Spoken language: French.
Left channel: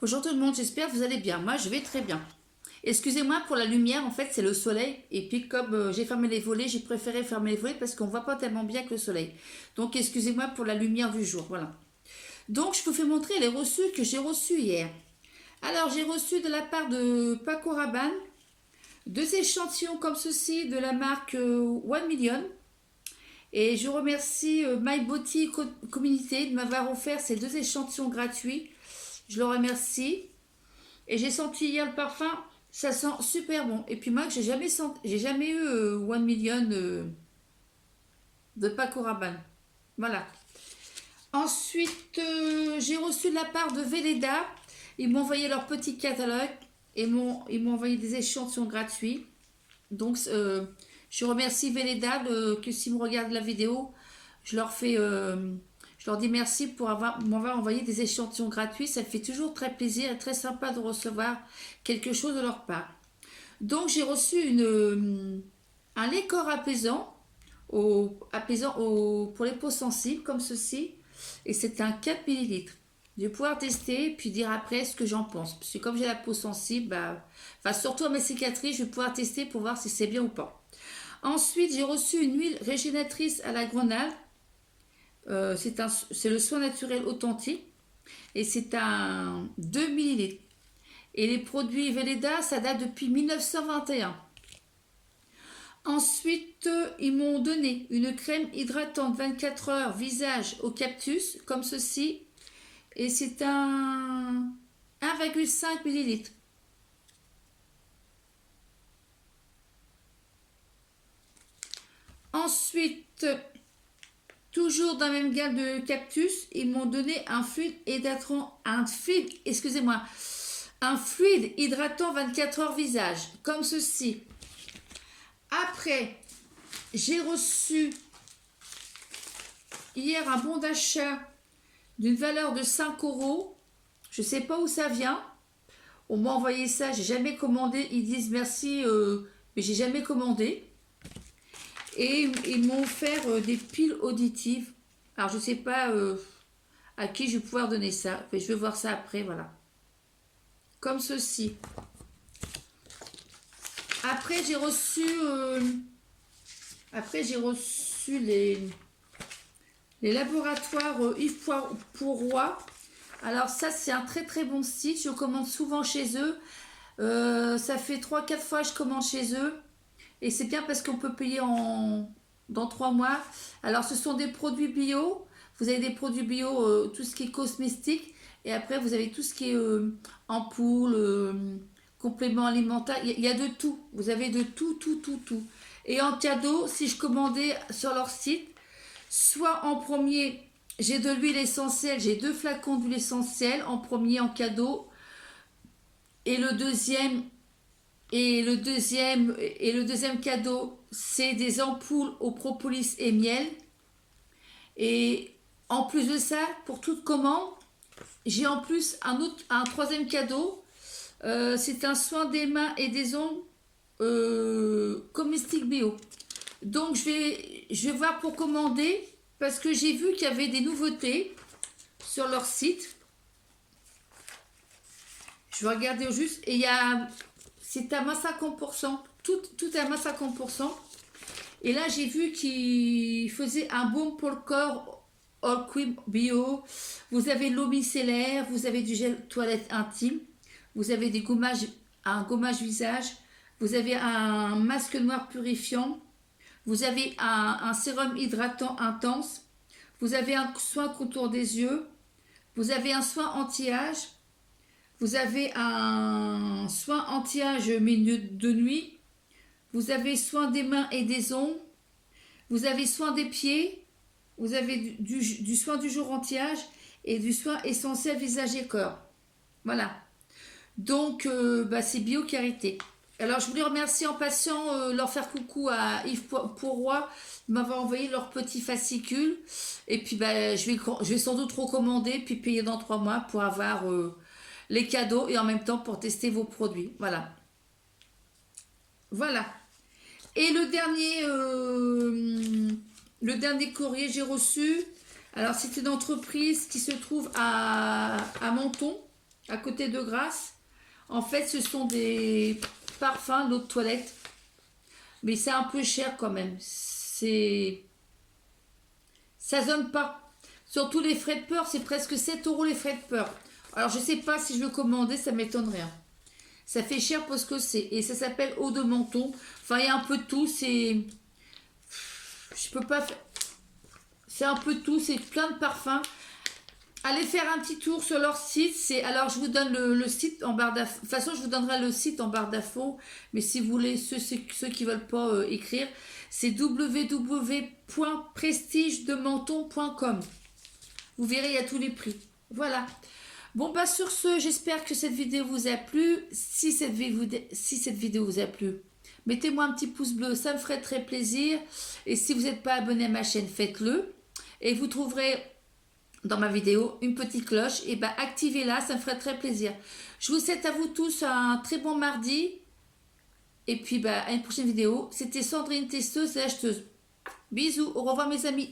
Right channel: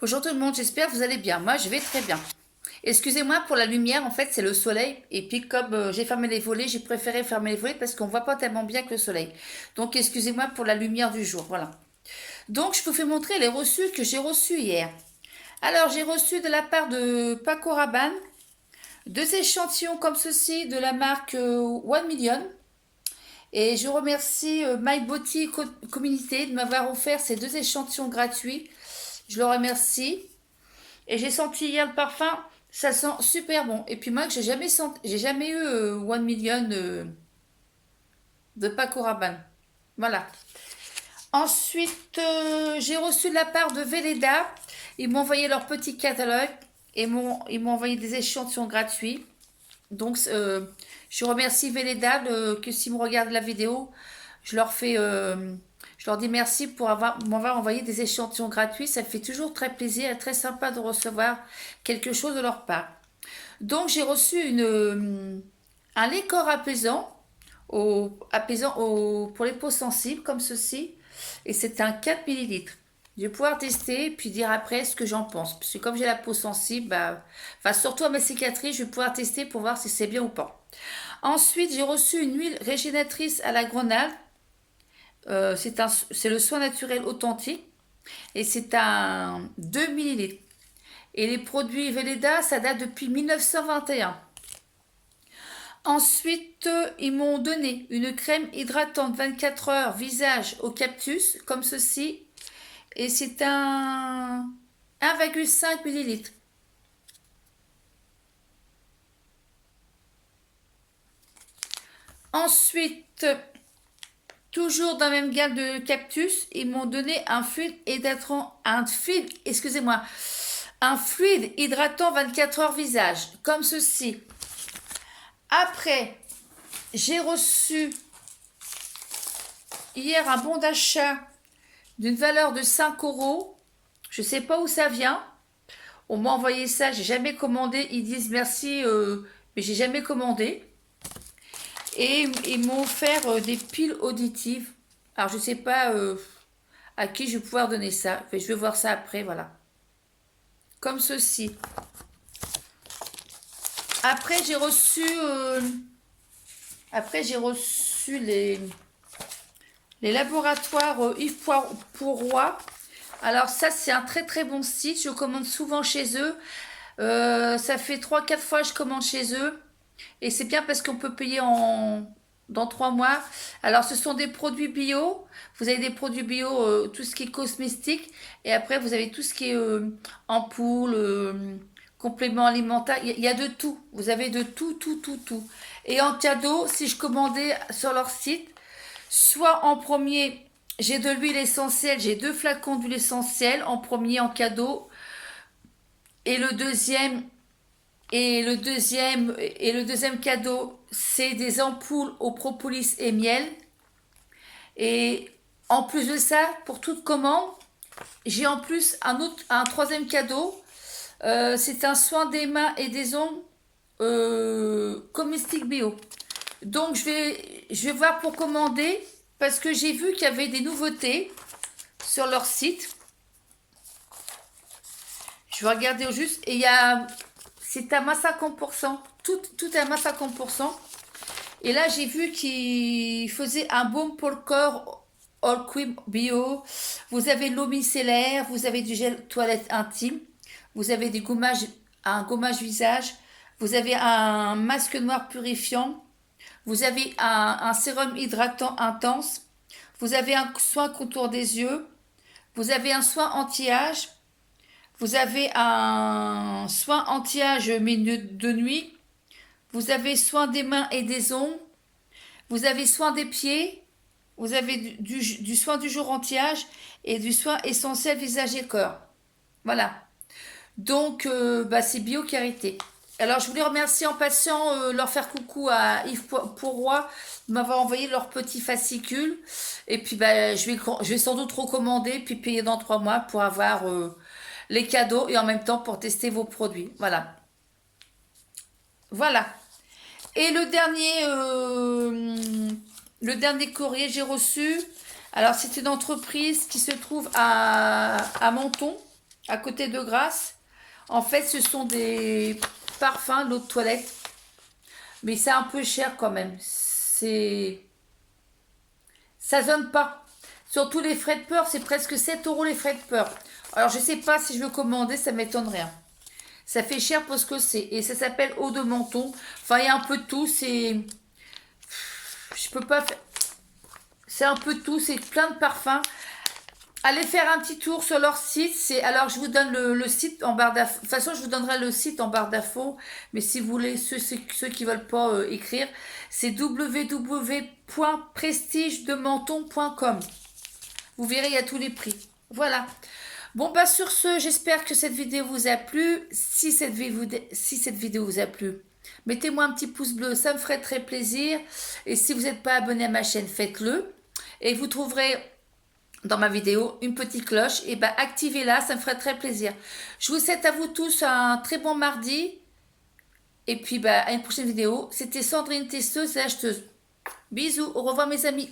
Bonjour tout le monde, j'espère que vous allez bien. Moi, je vais très bien. Excusez-moi pour la lumière, en fait, c'est le soleil. Et puis, comme j'ai fermé les volets, j'ai préféré fermer les volets parce qu'on ne voit pas tellement bien que le soleil. Donc, excusez-moi pour la lumière du jour. Voilà. Donc, je vous fais montrer les reçus que j'ai reçus hier. Alors, j'ai reçu de la part de Paco Rabanne deux échantillons comme ceci de la marque One Million. Et je remercie My Body Community de m'avoir offert ces deux échantillons gratuits. Je le remercie. Et j'ai senti hier le parfum, ça sent super bon. Et puis moi, que j'ai jamais eu One Million de Paco Rabanne. Voilà. Ensuite, j'ai reçu de la part de Velleda. Ils m'ont envoyé leur petit catalogue et ils m'ont envoyé des échantillons gratuits. Donc, je remercie Velleda que s'ils me regardent la vidéo, je leur fais, je leur dis merci pour m'avoir envoyé des échantillons gratuits. Ça fait toujours très plaisir et très sympa de recevoir quelque chose de leur part. Donc, j'ai reçu un lait corps apaisant, pour les peaux sensibles, comme ceci. Et c'est un 4 millilitres. Je vais pouvoir tester et puis dire après ce que j'en pense. Parce que comme j'ai la peau sensible, enfin, surtout à mes cicatrices, je vais pouvoir tester pour voir si c'est bien ou pas. Ensuite, j'ai reçu une huile régénératrice à la grenade. C'est le soin naturel authentique. Et c'est un 2 millilitres. Et les produits Velleda, ça date depuis 1921. Ensuite, ils m'ont donné une crème hydratante 24 heures visage au cactus, comme ceci. Et c'est un 1,5 millilitres. Ensuite, toujours dans la même gamme de cactus, ils m'ont donné un fluide hydratant, excusez-moi, un fluide hydratant 24 heures visage, comme ceci. Après, j'ai reçu hier un bon d'achat d'une valeur de 5 €. Je ne sais pas où ça vient. On m'a envoyé ça, j'ai jamais commandé. Ils disent merci, mais j'ai jamais commandé. Et ils m'ont offert des piles auditives. Alors, je ne sais pas à qui je vais pouvoir donner ça. Je vais voir ça après, voilà. Comme ceci. Après, j'ai reçu les laboratoires Yves Pourroy. Alors ça, c'est un très très bon site. Je commande souvent chez eux. Ça fait 3-4 fois que je commande chez eux. Et c'est bien parce qu'on peut payer dans 3 mois. Alors ce sont des produits bio. Vous avez des produits bio, tout ce qui est cosmétique. Et après, vous avez tout ce qui est ampoule, compléments alimentaires. Il y a de tout. Vous avez de tout, tout, tout, tout. Et en cadeau, si je commandais sur leur site, soit en premier, j'ai de l'huile essentielle, j'ai 2 flacons d'huile essentielle en premier en cadeau. Et le deuxième, cadeau, c'est des ampoules au propolis et miel. Et en plus de ça, pour toute commande, j'ai en plus un troisième cadeau. C'est un soin des mains et des ongles comestique bio. Donc je vais voir pour commander parce que j'ai vu qu'il y avait des nouveautés sur leur site. Je vais regarder au juste et c'est à moins 50%. Tout est à moins 50%. Et là, j'ai vu qu'ils faisaient un baume pour le corps All Cream Bio. Vous avez l'eau micellaire, vous avez du gel toilette intime, vous avez un gommage visage, vous avez un masque noir purifiant, vous avez un sérum hydratant intense, vous avez un soin contour des yeux, vous avez un soin anti-âge, vous avez un soin anti-âge milieu de nuit, vous avez soin des mains et des ongles, vous avez soin des pieds, vous avez du soin du jour anti-âge et du soin essentiel visage et corps. Voilà. Donc, c'est Bio Carité. Alors, je voulais remercier en passant, leur faire coucou à Yves Pourroy de m'avoir envoyé leur petit fascicule. Et puis, je vais sans doute recommander, puis payer dans 3 mois pour avoir les cadeaux et en même temps pour tester vos produits. Voilà. Voilà. Et le dernier courrier que j'ai reçu, alors c'est une entreprise qui se trouve à Menton. à côté de Grasse. En fait, ce sont des parfums d'eau de toilette. Mais c'est un peu cher quand même. Ça donne pas. Surtout les frais de port, c'est presque 7 euros les frais de port. Alors, je sais pas si je veux commander, ça m'étonnerait. Ça fait cher pour ce que c'est. Et ça s'appelle eau de menton. Enfin, il y a un peu de tout. Je peux pas faire. C'est un peu de tout. C'est plein de parfums. Allez faire un petit tour sur leur site. Alors, je vous donne le site en barre d'infos. De toute façon, je vous donnerai le site en barre d'infos. Mais si vous voulez, ceux qui veulent pas écrire, c'est www.prestigedementon.com. Vous verrez, il y a tous les prix. Voilà. Bon, bah sur ce, j'espère que cette vidéo vous a plu. Si cette vidéo vous a plu, mettez-moi un petit pouce bleu, ça me ferait très plaisir. Et si vous n'êtes pas abonné à ma chaîne, faites-le. Et vous trouverez dans ma vidéo une petite cloche. Et bah activez-la, ça me ferait très plaisir. Je vous souhaite à vous tous un très bon mardi. Et puis bah à une prochaine vidéo. C'était Sandrine Testeuse et acheteuse. Bisous, au revoir mes amis.